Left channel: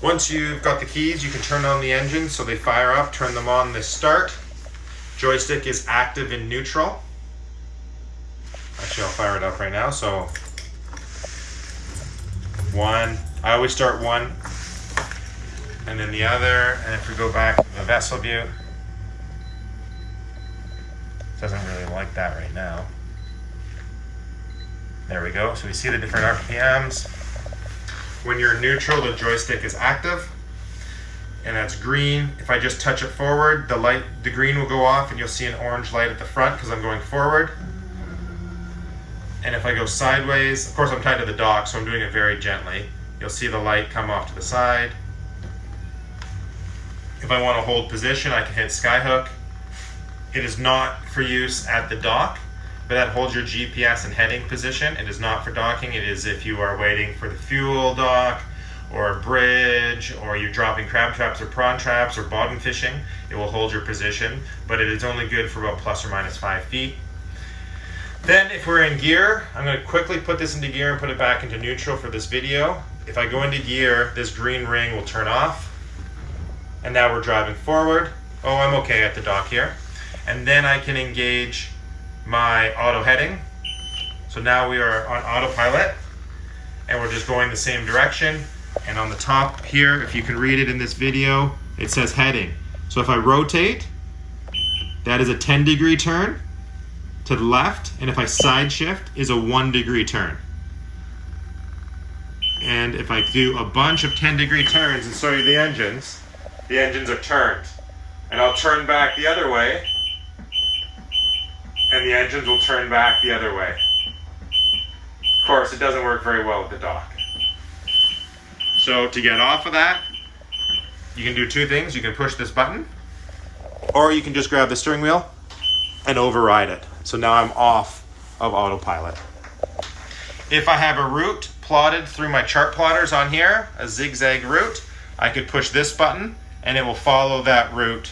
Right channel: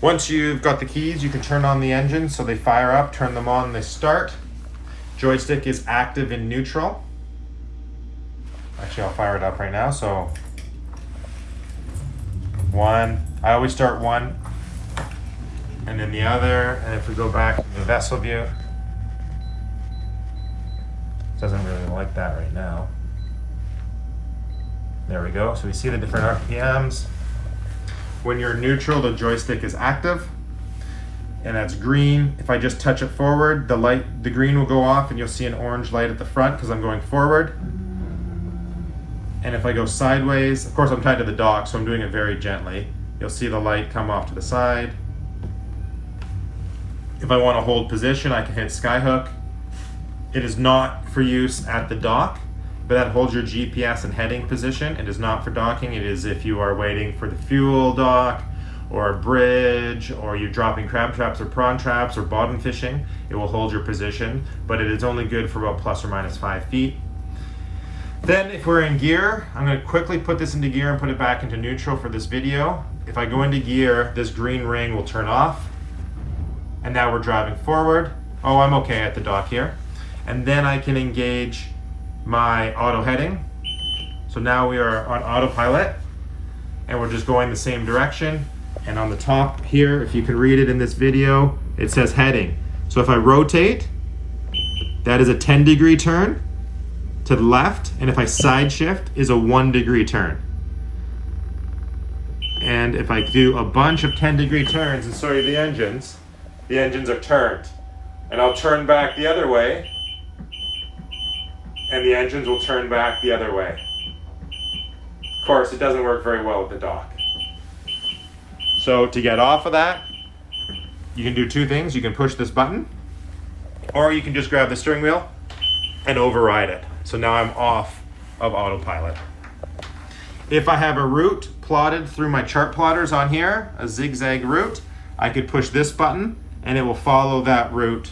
Once you've got the keys, you can turn on the engine so they fire up, turn them on, they start. Joystick is active in neutral. Actually, I'll fire it up right now. So 1, I always start 1, and then the other, and if we go back to the vessel view, it doesn't really like that right now. There we go, so we see the different RPMs. When you're in neutral, the joystick is active, and that's green. If I just touch it forward, the green will go off and you'll see an orange light at the front because I'm going forward. And if I go sideways, of course I'm tied to the dock, so I'm doing it very gently. You'll see the light come off to the side. If I want to hold position, I can hit skyhook. It is not for use at the dock, but that holds your GPS and heading position. It is not for docking. It is if you are waiting for the fuel dock or a bridge, or you're dropping crab traps or prawn traps or bottom fishing. It will hold your position, but it is only good for about plus or minus 5 feet. Then if we're in gear, I'm going to quickly put this into gear and put it back into neutral for this video. If I go into gear, this green ring will turn off. And now we're driving forward. Oh, I'm okay at the dock here. And then I can engage my auto heading. So now we are on autopilot and we're just going the same direction. And on the top here, if you can read it in this video, it says heading. So if I rotate, that is a 10-degree turn to the left, and if I side shift is a 1-degree turn. And if I do a bunch of 10-degree turns and show you the engines are turned. And I'll turn back the other way, and the engines will turn back the other way. Of course, it doesn't work very well at the dock. So to get off of that, you can do 2 things. You can push this button, or you can just grab the steering wheel and override it. So now I'm off of autopilot. If I have a route plotted through my chart plotters on here, a zigzag route, I could push this button and it will follow that route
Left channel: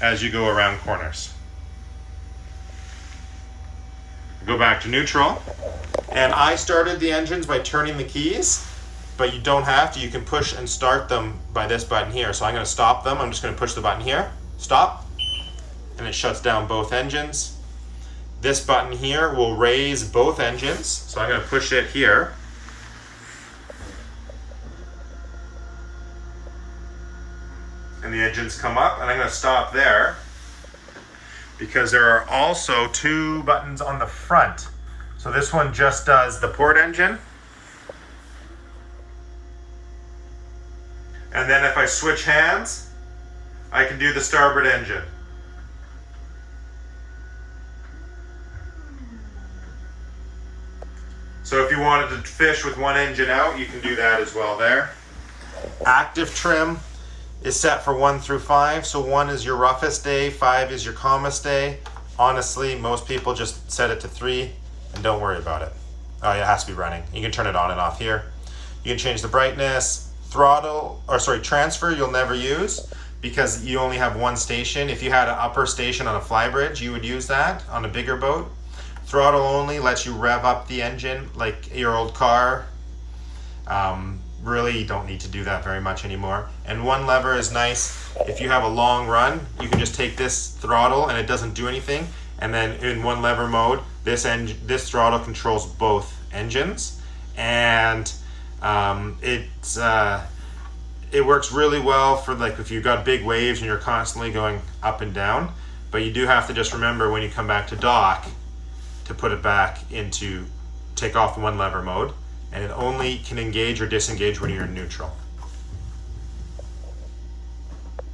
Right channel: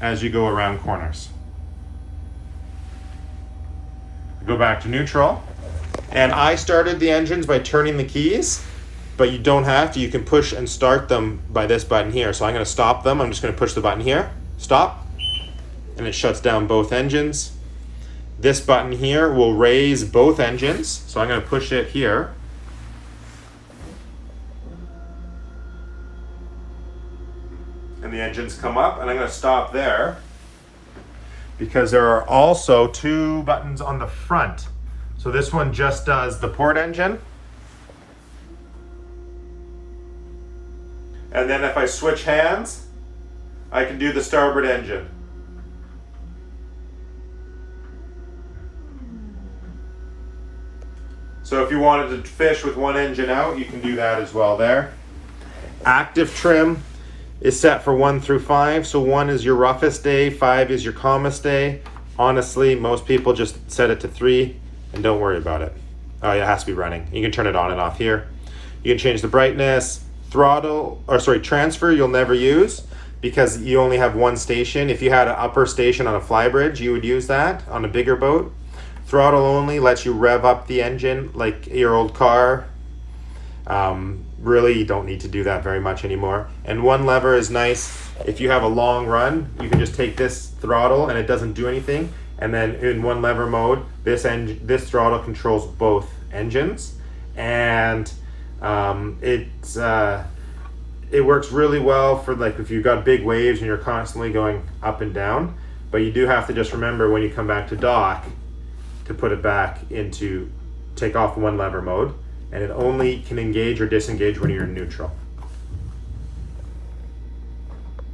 as you go around corners. Go back to neutral. And I started the engines by turning the keys, but you don't have to. You can push and start them by this button here. So I'm going to stop them. I'm just going to push the button here, stop, and it shuts down both engines. This button here will raise both engines. So I'm going to push it here. And the engines come up, and I'm going to stop there because there are also 2 buttons on the front. So this one just does the port engine. And then if I switch hands, I can do the starboard engine. So if you wanted to fish with 1 engine out, you can do that as well there. Active trim is set for 1 through 5. So 1 is your roughest day, 5 is your calmest day. Honestly, most people just set it to 3 and don't worry about it. Oh, it has to be running. You can turn it on and off here. You can change the brightness, transfer you'll never use because you only have 1 station. If you had an upper station on a fly bridge, you would use that on a bigger boat. Throttle only lets you rev up the engine like your old car. Really, you don't need to do that very much anymore. And 1 lever is nice. If you have a long run, you can just take this throttle and it doesn't do anything. And then in 1 lever mode, this throttle controls both engines. And it works really well for like if you've got big waves and you're constantly going up and down. But you do have to just remember when you come back to dock to put it back into take off 1 lever mode, and it only can engage or disengage when you're in neutral.